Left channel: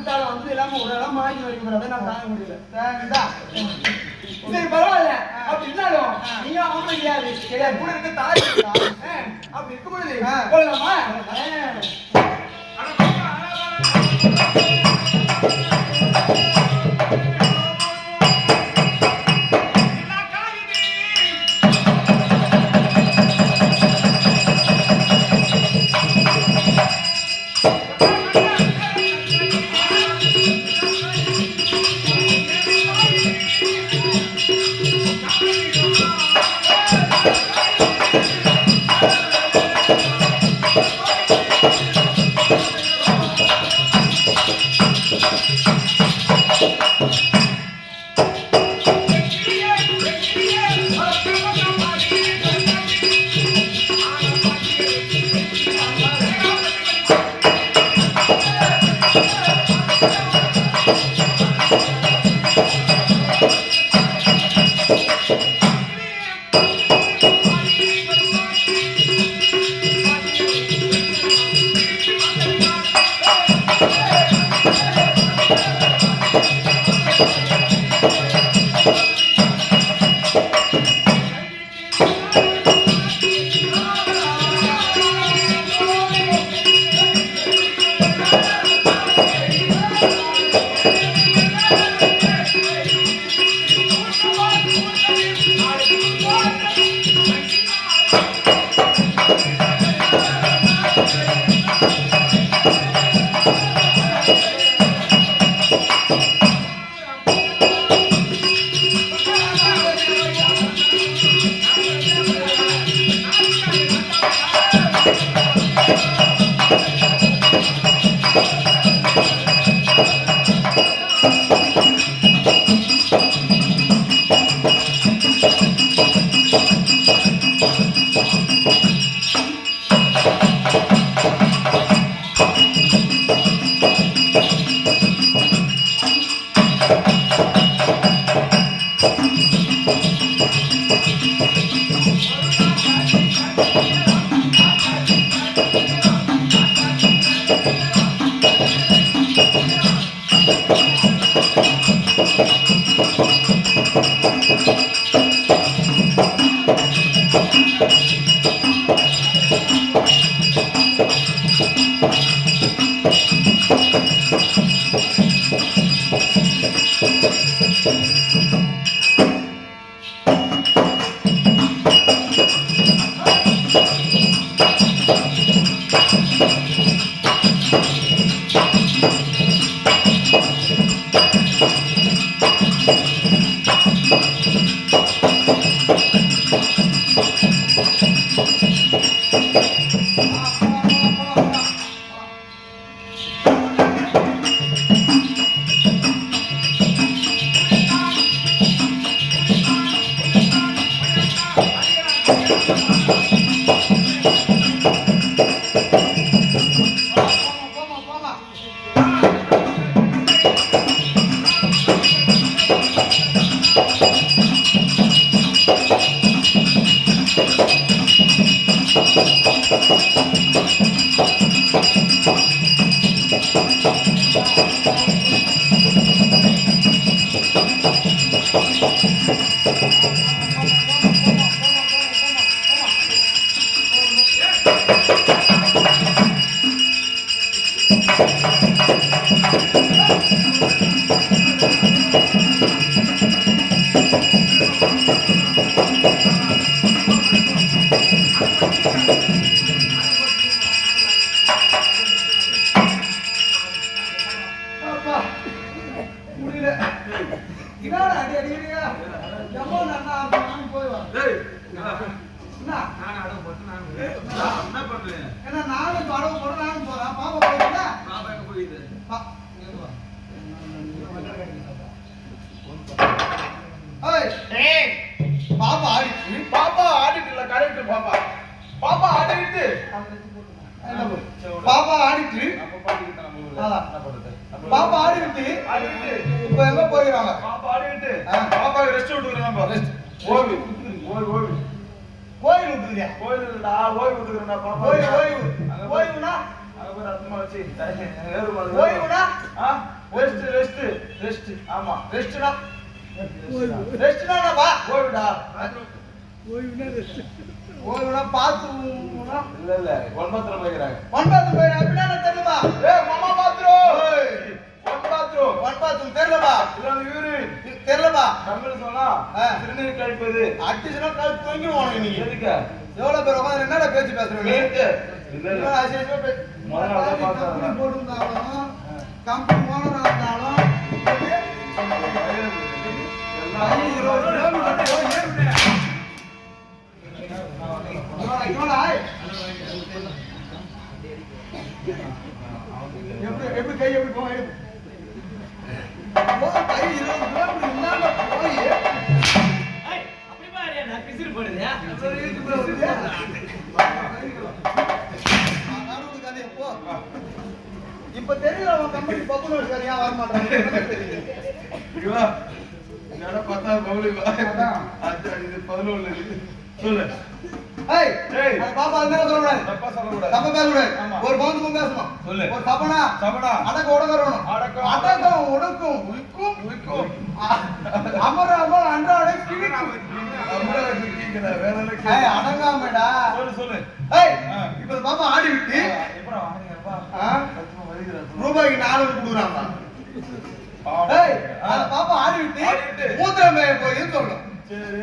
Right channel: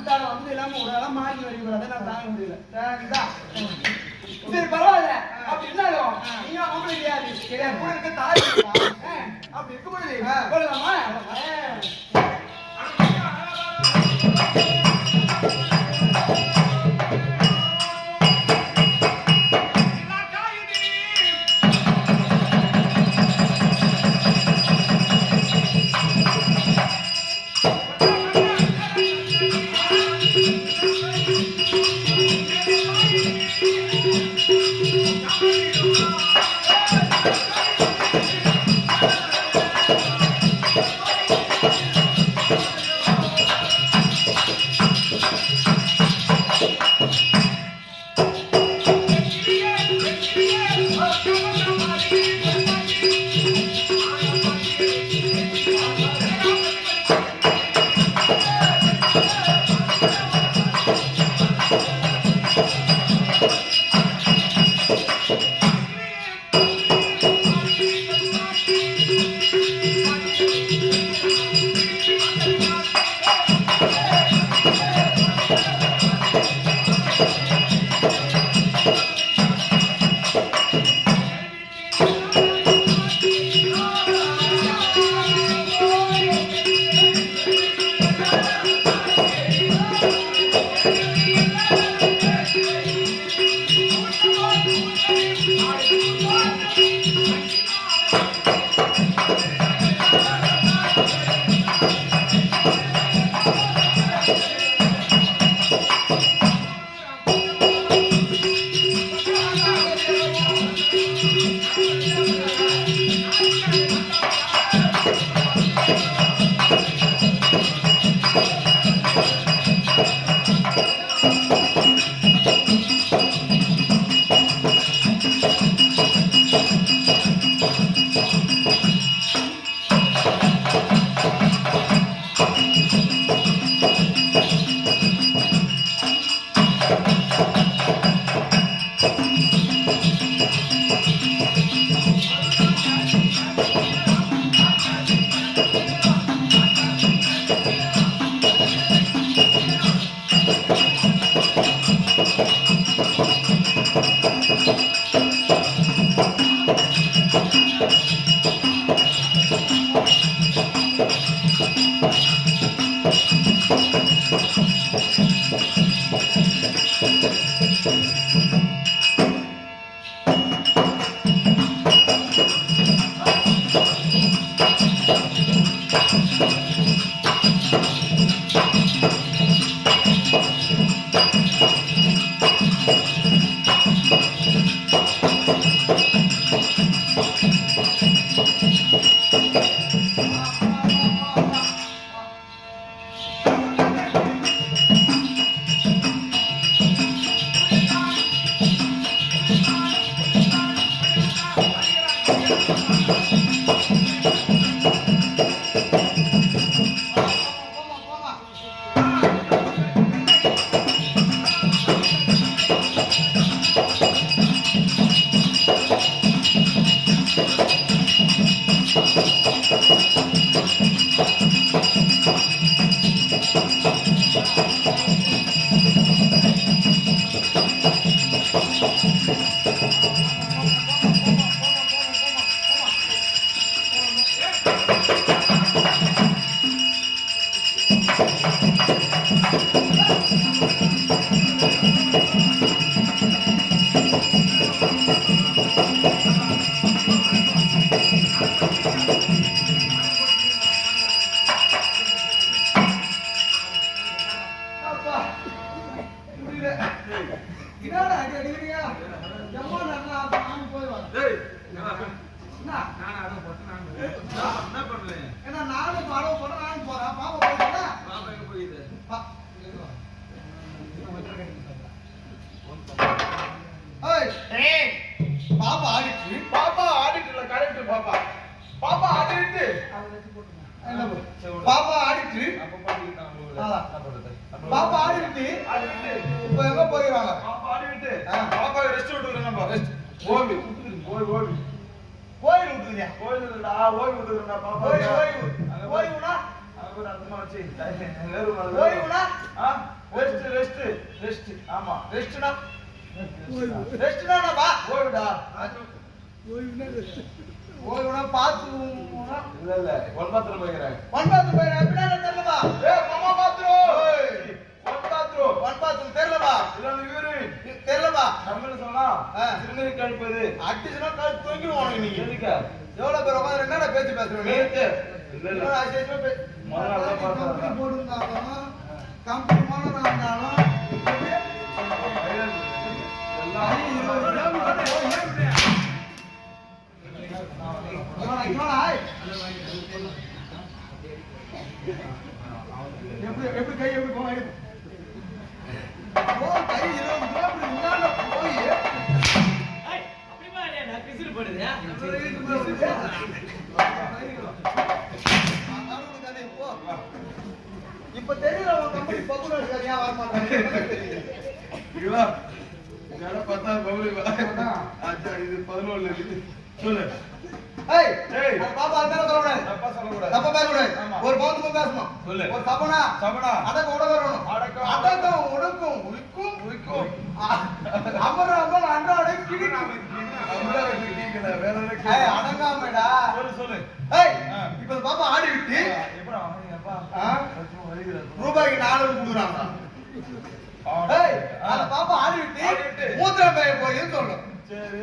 விட்டார வந்து எல்லாமே ஒரு இடம் மாறி வரைக்கும் அதை நான் தாங்க முடியல. சரி பரவாயில்ல. அப்படி இருந்தாலும் நீ அவங்கள கிடையாது. கிடையாது. கூட இருக்க தாய் அப்படி இருக்கும் பொழுது போகலாமா என்ன பண்றது நம்ம பாப்பா ஆடிட்டு. ஆடிட்டு இப்ப எங்க போயிடுறாங்க பாப்பா ஆடிட்டு. பாப்பாக்கு ரெஸ்ட் விட்டுக்கிறோம் நம்ம ரெஸ்ட் ஓய்வு. ஓய்வு ஓய்வு. கோயில் விட்டுறியா ஓய்வு இல்லடா ஓய்வு விட்டுக்கிறேன்டா பாப்பா. ஓய்வு ஓய்வு. ஓய்வுனா? அங்க போய் வச்சு வேறு மலை ஓய்வுனா? ரெஸ்ட் ரெஸ்ட் ரெஸ்ட் ஆமா ரெஸ்ட்னா ரெஸ்ட்னா பா ஓய்வுடா. ஓய்வுனா பாத்துனா இல்ல இல்ல. ஒன் பாத்ரூம் வைக்கிறாங்க ஒன் பாத்ரூம் போய் அப்படின்னா ஏய் மாமா bathroom. One bathroom. One bathroom. தெரியலப்பா. இல்ல யூரின் தெரியலப்பா. தமிழ் சொன்னா. சிறுநீர் கழிப்பது. அடிச்சுனா கழுத்து தொங்கிடும் உனக்கு நீ. எதுக்கு? எவ்வளவு பேர் உட்காந்து என்னடா பேச்சு பேசுற நீ பார்த்தா போட்டிருந்தாலும் கம்பெனி ஓனரா இருந்தாலும் எல்லாம். எப்படி எப்படி கை எப்படி போகும் எடுப்பு. போ, கை இருபது இந்தாண்ட போய். ஆனாலும் உனக்கு அது போ. இப்ப தெரியல உன் கம்பெனி பப்புல இருக்காரு ஏன் வர மாட்டாங்க பத்தாவது பவுலி இது பதினொன்னு. சொல்லு. ஏய் ஏய். பாப்பா அது மேல சொல்லக்கூடாது தப்பா சொல்லக்கூடாது தப்ப பேசக்கூடாது. ஒரு பவுன் பேசணும் சொல்லு. ஒரு சபனா சபனா. அடக்க உடக்கணும் அடக்கம், அடக்கம் ஒடுக்கும் உயிக்கும் உயிக்கும். அமர அமர அன்றாட கிழிக்கும். அடங்காமடா சொல்லு சொல்லு ஏய். இப்ப பாப்பா ஆடி விட்டு ஆ, எப்படா வாங்குறீங்கப்பா? ஆ? சத்தியமா வலிக்குதுடா. ரூபாய்க்கு நாலு கொடுக்குறாங்க பாவம். ஏய் ஆ. அந்த பாப்பா ஆடி விட்டு ஆடி விட்டு. மூத்திரம் போயின்னு சொல்லும் சரி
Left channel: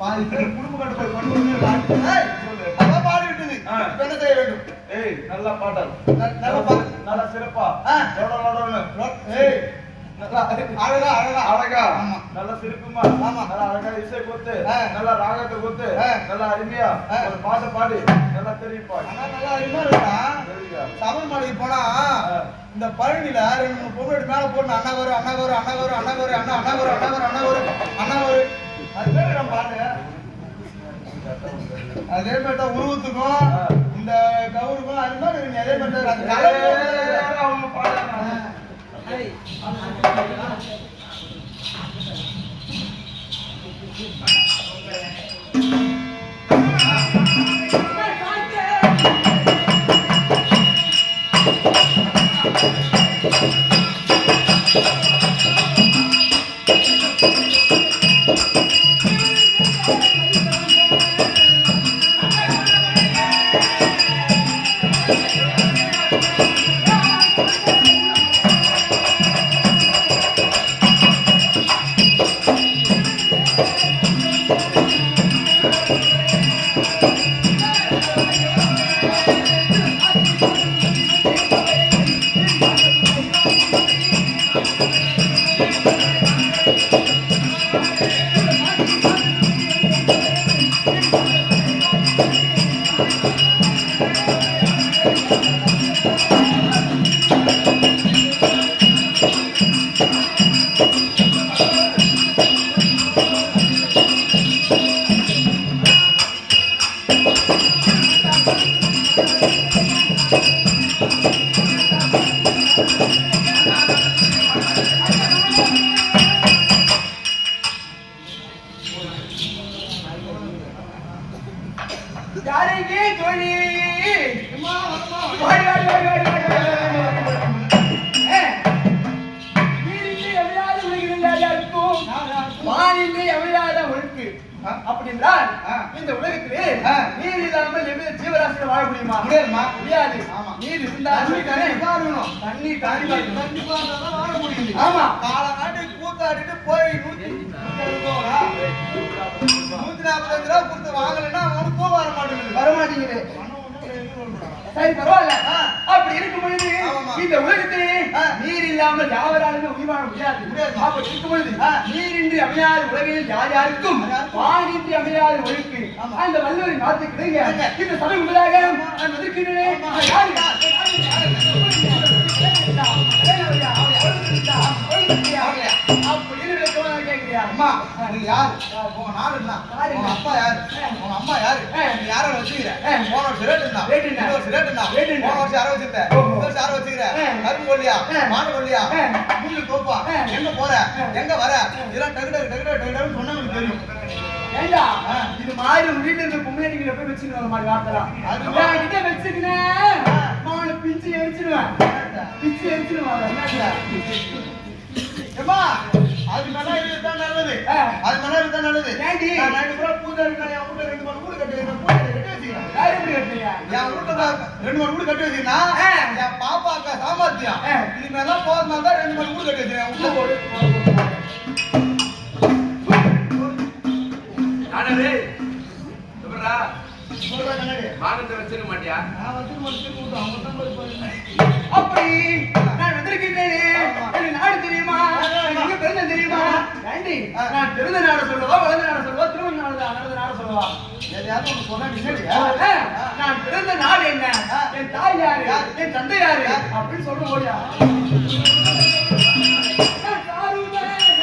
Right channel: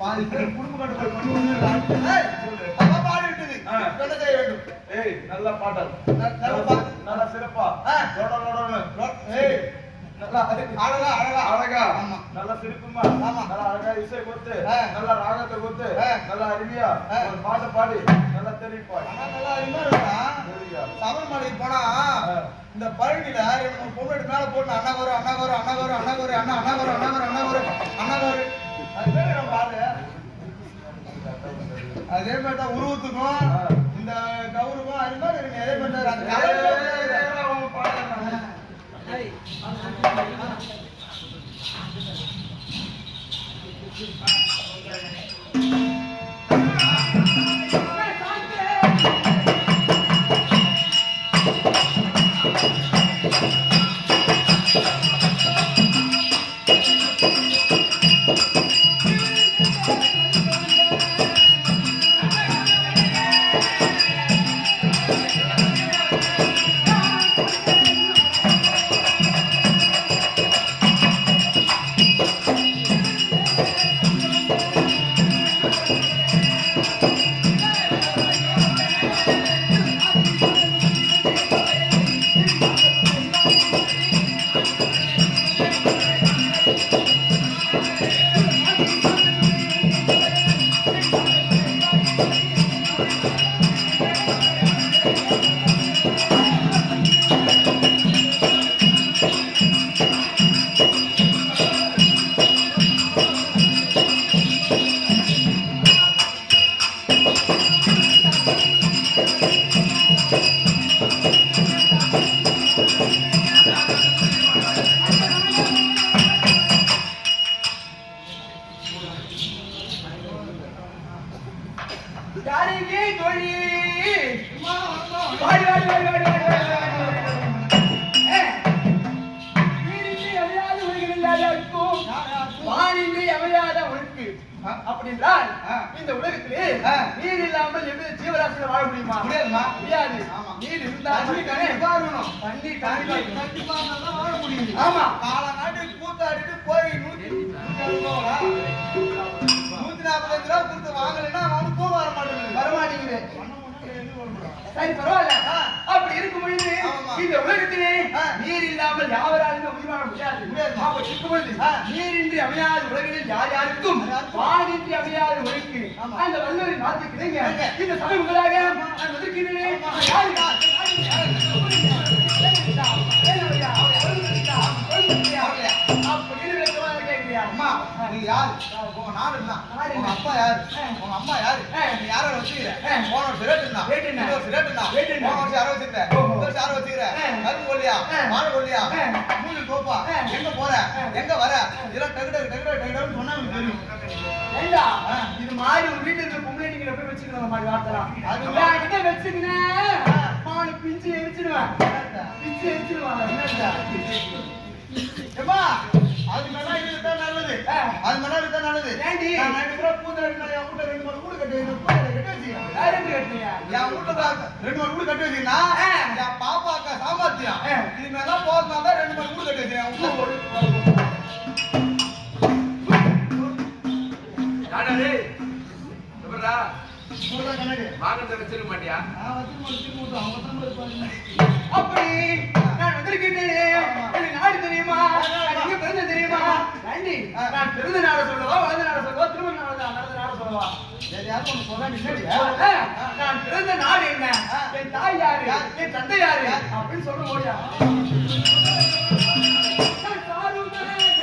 பாதி பேர் குடும்ப கட்டு போய் பண்ணி பாடி விட்டது. என்ன செய்ய வேண்டும்? ஏய் நல்ல பாடல் நல்ல பாட்டு. நல்ல சிறப்பா. லோட லோடன்னு. ஏய். நல்லா அழகா அழகா. அழகா. ஆமா. நல்ல சிரிப்புமா. ஆமா. நல்ல அழகா இசை கொடுத்து. நல்ல ராகத்தை கொடுத்து. நல்ல அருமையா. ஒரு பாட்டு பாடி நல்லா தெரியுப்பா ஆனா நல்லா அருமையா இருக்கா? சபரிமலைக்கு போனா. இந்த பழனில ரெண்டு மூணு பொண்ணு மேல போட்டு அண்ணா கௌரு அண்ணா கௌரு அண்ணா கௌரு அண்ணா கௌரு அண்ணா அண்ணா கௌரு அண்ணா கௌரு அண்ணா கௌரு அண்ணா கௌரு. அது பேரு நம்ம பாடு அதே மாதிரி தான் உருவத்துக்கும் இந்த கௌருக்கும் அது மாதிரி இருக்கு. அதே மாதிரி தான் அந்த கலர் அவங்க பாடுறாங்க. ஆ. இந்த உலகத்திலே. நீர் இல்லாமல் எவ்வித ஜீவராசிகள் வாழ முடியுமா. முடியாது. நீர் இருந்தால் தண்ணி தானே. தண்ணி தண்ணி இருந்தாதான் வாழ முடியுது. ஆமா. காலங்காட்டுக்கு கூத்தாடிட்டு போய் நூத்தி நூத்தி ரூபா கொடுத்து வாங்கலைன்னா சரி பரவாயில்ல. அப்படி இருக்கும் பொழுது. இந்த உலகத்திலே. நீர் இல்லாமல் யாவராலுமே உயிர் வாழ முடியாது. அப்படி இருக்கும் பொழுது ஆ. நீரின்றி அமையாத உலகில் யார் யாருக்கும். வானின்றி அமையாத உலகிற்கு. அந்த வல்லவரின் வார்த்தை கிடைங்க. இந்த சபை உங்களாக. நான் வந்திருக்கிறேனே ஆமா. அம்மா, நீங்க யாரு? உங்க நாடு என்ன? உங்க? அப்பா யாரு? உங்க அம்மா யாரு? நீ யாரை வச்சுக்கிற? போன வருஷம் ரேட் என்ன? இந்த வருஷம் ரேட் என்ன? போன வருஷம் யாரை வச்சிருந்த? இந்த வருஷம் யாரை வச்சுக்கிற? கரும்பு கொல்லியா? மாடு கொல்லியா? மூங்கில் தோப்பா? எங்க போற? எங்க வர? இதெல்லாம் டக்கு டக்கு டக்கு டக்கு டக்குன்னு சொன்னா எனக்கு தெரியும். ஏண்டா. இது மாதிரி உங்க வீட்டுல இருக்க பொம்மையடிகளை போய் வச்சுக்கணும் மாதிரி வார்த்தைலாம் அது நான் கிட்ட வச்சுக்கினேன். அவனை பிஞ்சு எரிச்சிடுவேன் என்னடா? பிச்சு எரிச்சிடுவேன் அதை. என்னடா? அது மேல இதுதான் நல்லது. அது மேல இதுதான் நல்லது. ஏண்டி? நான் நைட்டு பூரா பூஜை இருக்கேன். என் வீட்டுல ரெண்டு மூணு வீடு கட்டி வைக்கிறேன். பூஜை கட்டி வச்சுக்கிறேன். யார் எப்படி கட்டுறீங்க என் வீட்டுல தான் ரெண்டு மூணு வீடு கட்டி வச்சிருந்தா ஆ. என் பாப்பா அக்கா சாமர்த்தியம். இது மேலாம் போதுமா தான் ரெண்டு மூணு வீடு கட்டி வச்சிருக்கேன் என் வீட்டுல. நானே டேய். எப்படிடா? சொல்றேன் கண்ணாடி. வாகனத்தை வச்சிருக்க மாட்டியா நான் வச்சுக்க மாட்டேன், அவங்க தான் இருப்பாங்க. அப்படி நான் நாடு தெரியுமா நான் எங்க பிறந்த தெரியுமா ஏண்டி ஆ. நான் பிறந்த நாடு சொல்லவா வளர்ந்த நாடு சொல்லவா திருமண நாடு நடந்த நாடு சொல்லவா எதையாவது ஒண்ணு சொன்னா நான் பிறந்த நாடு என்ன. என் தாய் யாரு? என் தந்தை யாரு? அப்படின்னு சொல்ற ஓடியா நான் சாருவேன்.